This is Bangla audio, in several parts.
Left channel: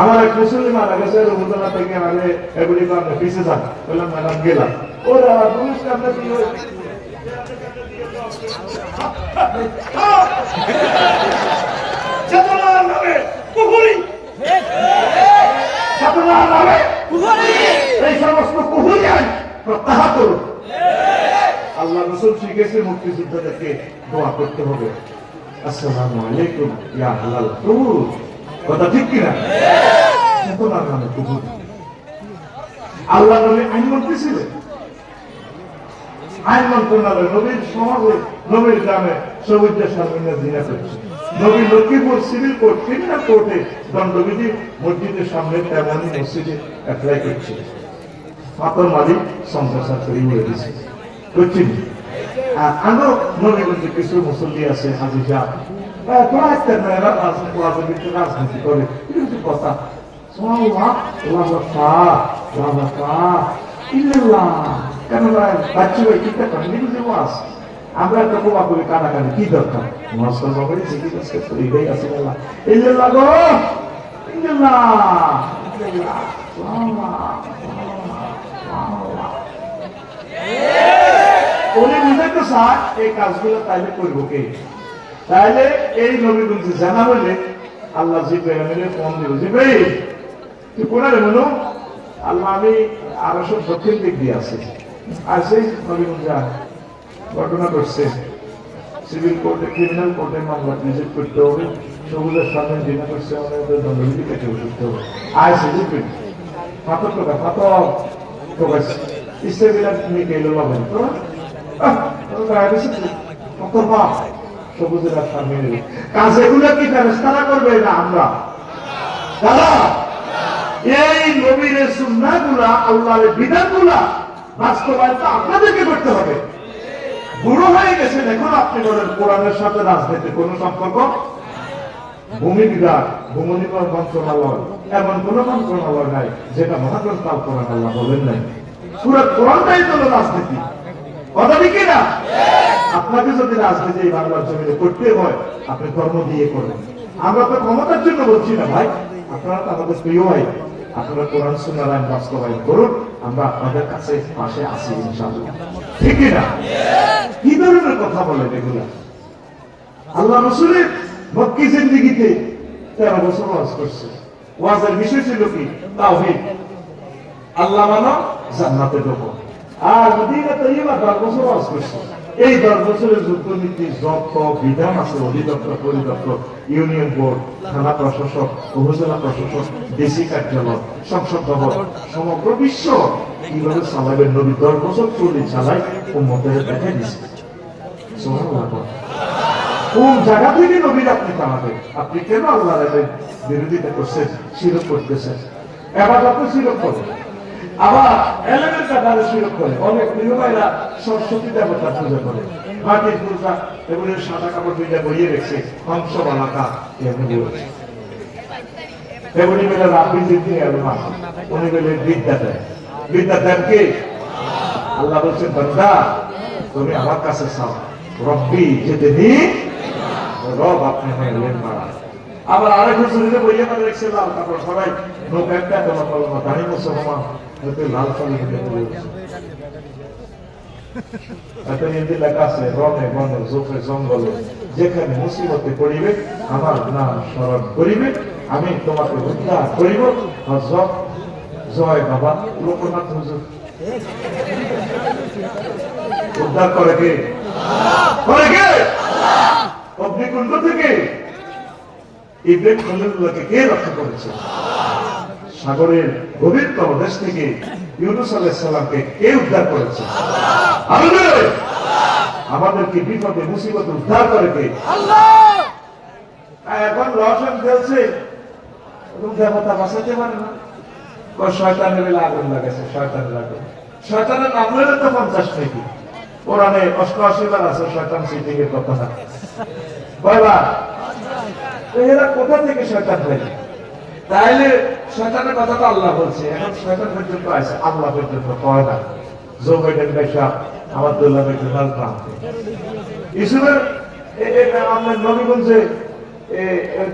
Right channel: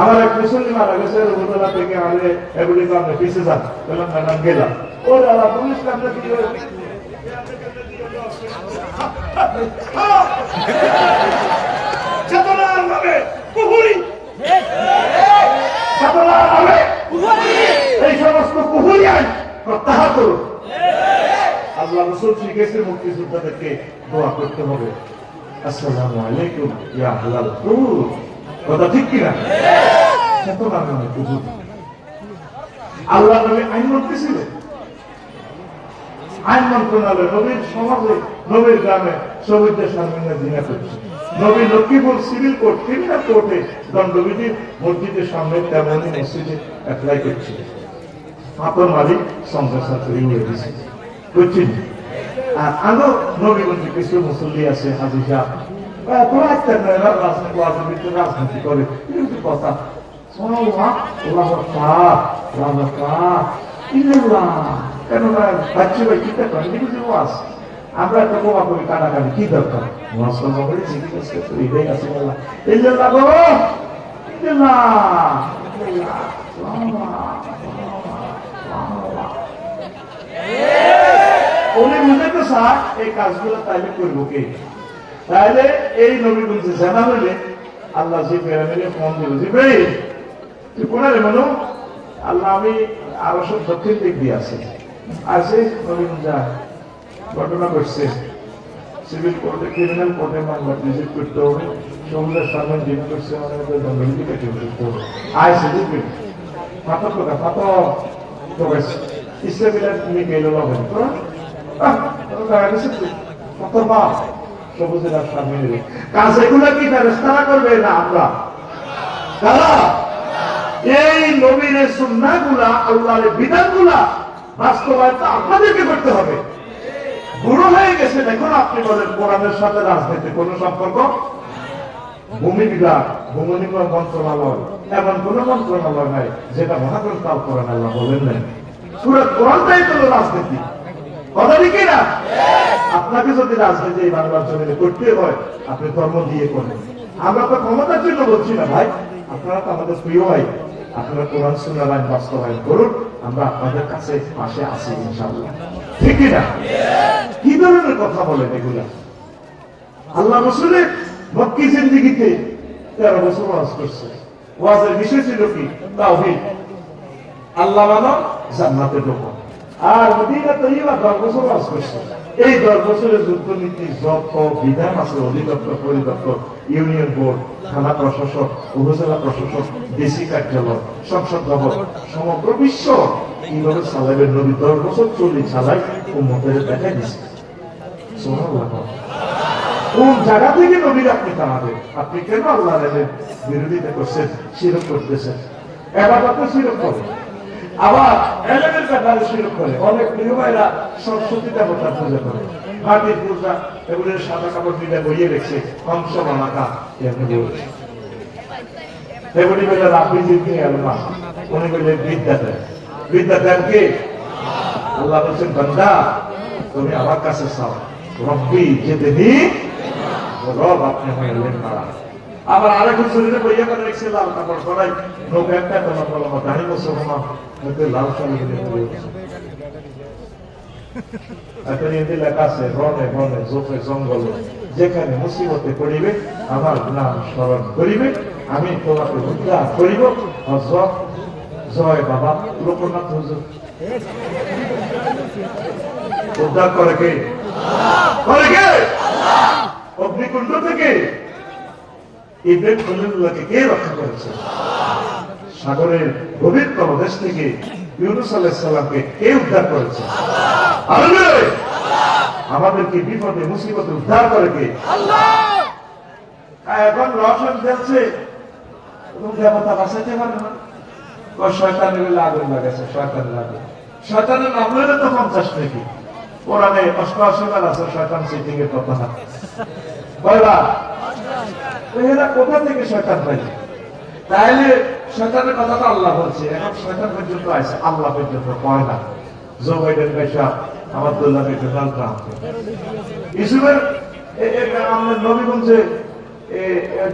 আমার এক মুসলিম মারা গেছে রবীন্দ্রনাথ থেকে আমি এগুলি কারণে পিছিয়ে যান বললাম ম্যাডাম গেলাম ওর আমার পুলিশ কামনে কি মুক্তিযুদ্ধ দেখে দোয়া করতে হবে আসসালামু আলাইকুম ইয়া আল্লাহ কথা ঠিক কিনা আল্লাহ নবী আইন মন্ত্রী ছিলেন আইন মন্ত্রণালয় নবীর সমাজে নবীর গ্রামে সবিদ্যা সামনে দিনা করছে নবী লক্ষ্মীপুর সিভিল কোর্ট ক্রিমিনাল কোর্টে দণ্ডবিধি মসজিদের সামনে তেমন মসজিদে অ্যাপ্লাই করছে আপনার মালিক সংসার তৈরি হয়ে গেছে করছেন আরো নবী কিছু মুসল্লি আছে হাজিজা দোলাইছেন না এরা রাজনীতি রাজনীতি করে এটা কিন্তু কথা সোহাল্লাহ লাভতা লাভতা ইল্লাল্লাহ কেন বাচ্চি ওই চিন্তা করেন কিন্তু যে ওয়াস আমরা একটা বোমা করে কানাকানি কি দরকার মশলা করে জিনিস আছে হৃদয় কাছে গেল ইল্লাল্লাহ গো ইল্লাল্লাহ উনি বুঝাতে চায় এই কাজগুলো তাইলে করবো কে তাহলে এই নবীগুল জানা হইলে আল্লাহ জিব্রাহিমের মন দিব জিব্রাহিম তুই কোনারে আল্লাহ আমি আরো সব সত্যির দিক দিয়ে আছে সেই নবী যা ঘটনা করছে সিভিল কোর্টে ক্রিমিনাল কোর্টে মামলা নিযুক্ত করতে হবে সবুজের সামনে জিম করছে আমাদের দণ্ডবিধি কেটে হবে আয় সুযোগ করি ফাতর টোকা ফাতর টোকাছে তুমি গেলে পাবেন তো কত বাপ সবুজেরা কাজ এগুলো কি করবে না আমরা এই নবীর সুন্না গুলা বিধান গুলা আপনাদেরকে করতে হবে বুড়ো হয়ে আপনি বলেন কোরআনের সাথে রাজনীতি কোন সম্পর্ক ভূমি বিভাগ ভূমি মন্ত্রণালয় এমন কোন মন্ত্রণালয় নাই যেটা মহাগ্রন্থ কোরআন আল্লাহ বলেন নাই পুরো কোরআনটাই হলো রাজনীতি কথা ঠিক না আপনাকে যদি রাজনীতি বাংলার করতে হয় আপনি কর্ম দিয়ে করেন আমরা তো ক্ষমতার জন্য বলছি না ভাই আপনারা তো আমাদের প্রিয় আপনারা কোরআন বাস্তবায়ন করুন আমরা আপনাদের কাছে পাশে আছি ইনশাআল্লাহ ঠিক না কি ধরনের কথা বলেন আল্লাহ রসুলের মক্কি জিন্দিগিতে তেরো বছর করছে ওয়াজের বিষয় ছিল কি তাও আল্লাহ মানো জান্নাতের লোক আর মদিনা তৈবা দশ বছর বাস করছে এই দশ বছরের যুদ্ধনীতির যত বিধান আছে অধিদপ্তর পরিদপ্তর ইউনিয়ন বোর্ড থানা প্রশাসক উপজেলা প্রশাসক দেশি কার্যালয় সংসদ ভবন সমগ্র বিশ্ব কিভাবে সালাইবের নবী দশ বছর চলে সালাই ও উন্মতের দেখা দিচ্ছে কোন জায়গা থেকে নবীর আপনি জানাবেন আপনি কেন আল্লাহ বিরোধিতা করছেন সিরক করতেছেন এবার আপনি সিরক করেন আবার করে অনেক গৃহবাইরা সরস্বতী পূজা করে মাটির পূজা এগুলো সাদা কাপড় রেখেছে কংস এগুলি উনি বলে বিদ্যা দেয় বিদ্যা দেন কি ওরা বলছেন বন্ধা তুমি আমার কাছে চাও রব্বি যেতে দিই রব আপনি হয়ে আবার আরেক হুজুরে বইয়া করে রেখেছিলাম তারপর সবাই নৌকা একটা কথা বললাম দাঁড়ি মুসলমান যাতে লাল সালে আচ্ছা, আছে রনে বনে জোকে জঙ্গলে যেখানে মুসিবতে পড়িবে আমার নাম স্মরণ করিবে আমি তোমাকে উদ্ধার করিব হজরত জয় বাবা লোকনাথ হুজুর উদ্ধার করে কে করে কে অগ্নিকুণ্ড থেকে ইব্রাহিম খলিলুল্লাহকে কে রক্ষা করেছে সাগরের গভীরতম দেশ থেকে ইউনুস কে উদ্ধার করেছে আমাদেরকে বিপদে মুসিবত উদ্ধার করে কে এখন রসন খেলছে কথা বাঁচাইতে পারে না শয়তানের আগুন লাগেছে শয়তানের আগুন শয়তানের আগুনের তো পঞ্চাশ থেকে কোরআনে অষ্টআশি আছে শয়তান সেই থেকে কথা এরা কোথা থেকে শয়তান যায় তাইলে শয়তানের কথা তো আল্লাহ বলছে এখন শয়তান পর্যন্ত আছে আল্লাহ পর্যন্ত করে না জো বাইডেন পয়সা আমার দোল্লা পয়সা ভালো না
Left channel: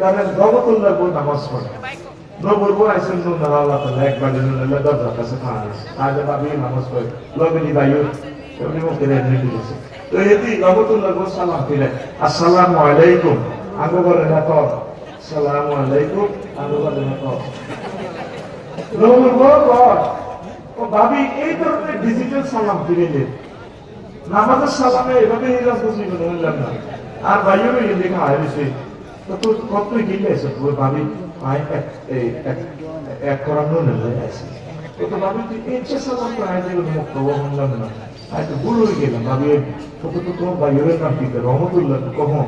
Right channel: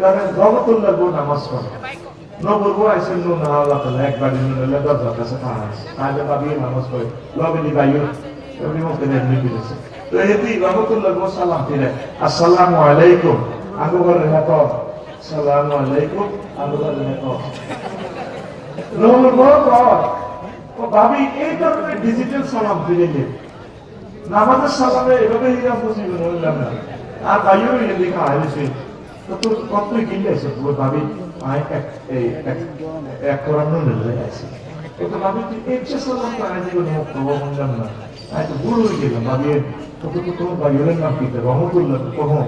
তাদের গুণ নামাজ পড়ে আসসালামু আলাইকুম আগুগরে দেখো সালাম আলাইকুম আগুগরে দেখো রোমন বড় বড় ও ভাবি এই ধরনের ডিজিটাল সমাজ দিয়ে নে নামাজের সামনে এভাবে এরা বুঝি আর ভাইও মেয়ে দেখা হয়েছে তো কত গিলে আছে পুরো ভাবি এক করানো হয়ে গেছে তো তো ভাবি তুই ইচ্ছে আয় করবো না আয় তো ভুল হয়ে গেলাম ভাবি তো তো তোমার ভাইয়ের নাম কি রহমতুল্লাহ কখন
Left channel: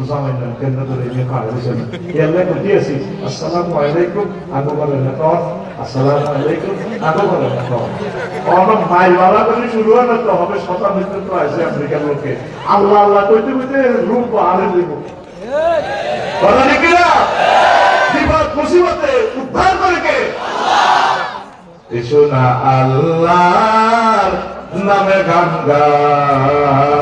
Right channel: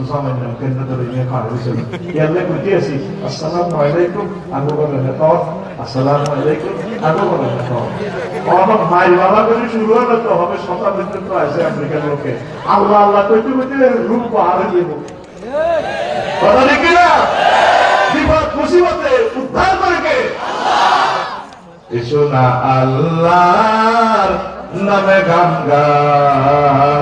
zamanin kan da da yin kawo sun ya lai mu tiya si assalamu alaikum an go bala na taw assalamu alaikum an go bala na taw আমার ভাই বাবা বলে শুরু হবে তো হবে সকাল পর্যন্ত আছে আফ্রিকার লোকে আল্লাহ আল্লাহ কইতে কইতে রূপ পাহাড়ে দেব কথা নাকি না বিপদ মুসিবতে উদ্ধার করে কে এসো না আল্লাহ নামে গান গায়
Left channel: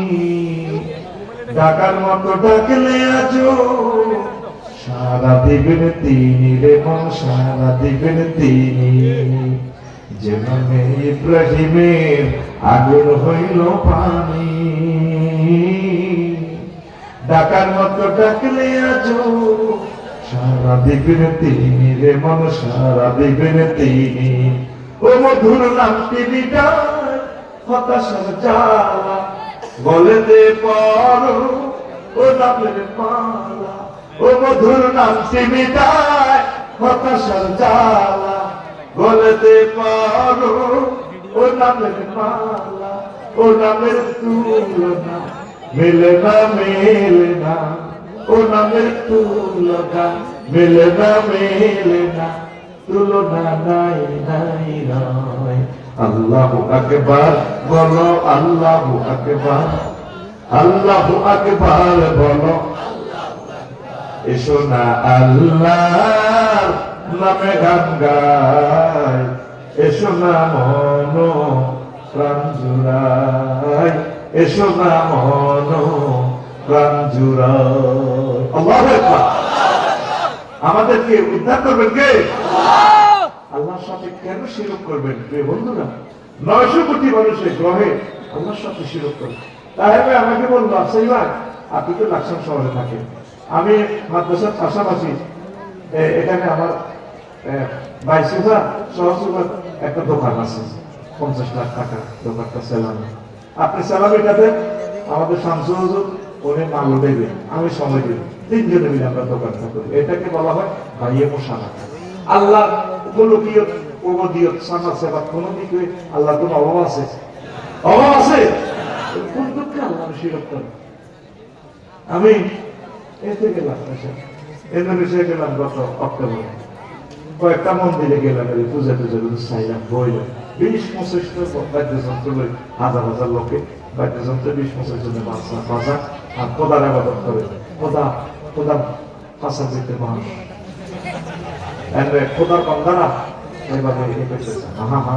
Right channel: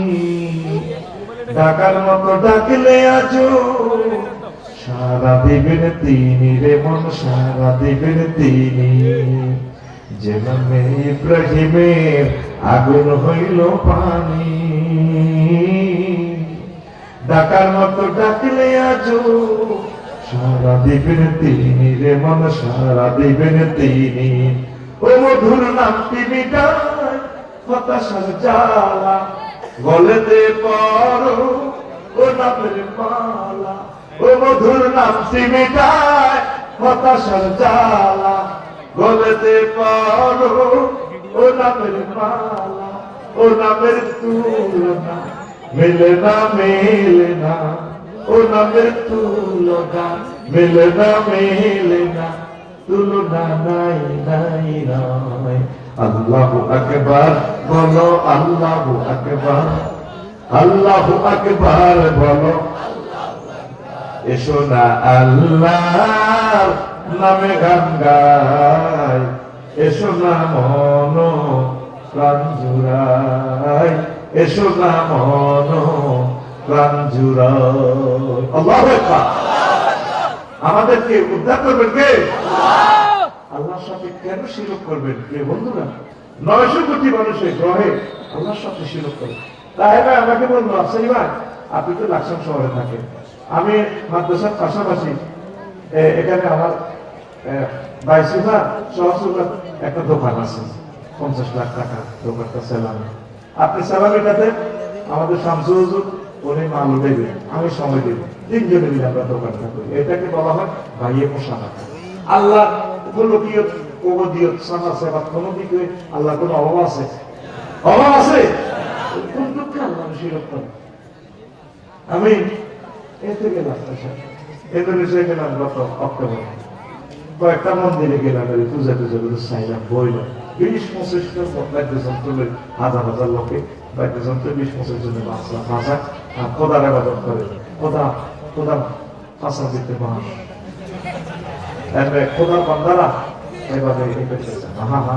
ঢাকার মতো ডাকলে আজ সারা দিবেন তিনি রে মন সারা দিবেন তিনি যেন ইব্রাহিমের আগুন হইল পানি ডাকার মতো ডাকলে আজ সারা দিবেন তিনি রে মন সারা দিবেন তিনি ও মধুর নামটি মিটায় কথা সাজা বলতে পারো পর ও নামের মালা ও মধুর নাম সিমিটায় কথা সঞ্চালা বলতে পারো পর ও নামের মালা ও নামের তুলনা মিলে না মিলে না ও নামের তুলনা মিলে না মিলে না তুলনা নাই নাই রায় আল্লাহ আকবার বলো আল্লাহ আকবার আল্লাহ আকবার বলো এসো না আল্লাহ নামে গান গাই এসো না মন প্রাণ জুড়াই এসো না মন প্রাণ জুড়াই আল্লাহ আমাদেরকে উদ্ধার করবেন কে আল্লাহ আল্লাহর সাথে কেন শিরক করবেন প্রিয় বন্ধুরা নয়শো কোটি মানুষের গ্রহে আল্লাহর সাথে শিরক করবেন তাই ভাই আমাকে বলবো আসাই ভাই আপনি তো লাকসাম শহরে থাকেন আমি মাদ্রাসার পাশাপাশি এখানে আমার বাইশ হাজার ষোলোশো একটা দোকান আছে পঞ্চাশ লাখ টাকা দোকানটা সেলামে আপনি সেলামিটাতে আমাদের শামসুর হজুর উনি মাল দেবে আমি সময় দেব তিনজনে মিলে আমরা দোকানটা করি এটাকে বলা হয় ভাইয়ে টাকা আল্লাহ কোনো দিও কোনো সেবা কোনো দিকে আল্লাহ কোনো অভাব আছে অভাব আছে কোন দুঃখে আল্লাহ শিরক আমি এতে গেলাম ইন্দোনেশিয়া গেলাম গত অক্টোবর কয়েকটা মন্দিরে গেলাম এই পূজা পূজা করে চাইলাম বইলাম বিশ পঁচিশটা বাদ্যযন্ত্র করে হাজার হাজার লোকে বাদ্যযন্ত্র বিশ পঁচিশ জনের বাঁচা বাঁচা আর প্রধান আবাদন করে প্রধান প্রধান পাশা যেতে মানুষ খোদার বান্দারা এভাবে ব্যবসা মানুষ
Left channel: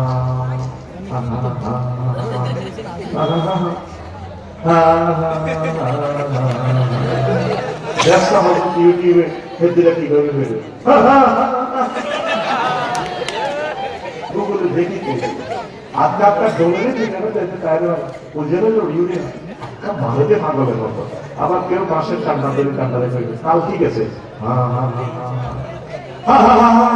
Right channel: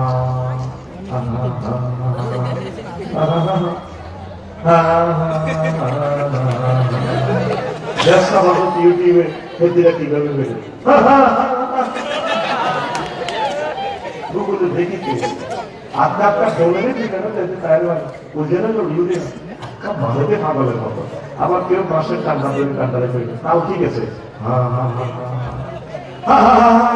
আবার কেউ মাসের কান্না দেবে কান্না রেখে তাও ঠিক আছে হ্যাঁ হ্যাঁ হ্যাঁ ha ha ha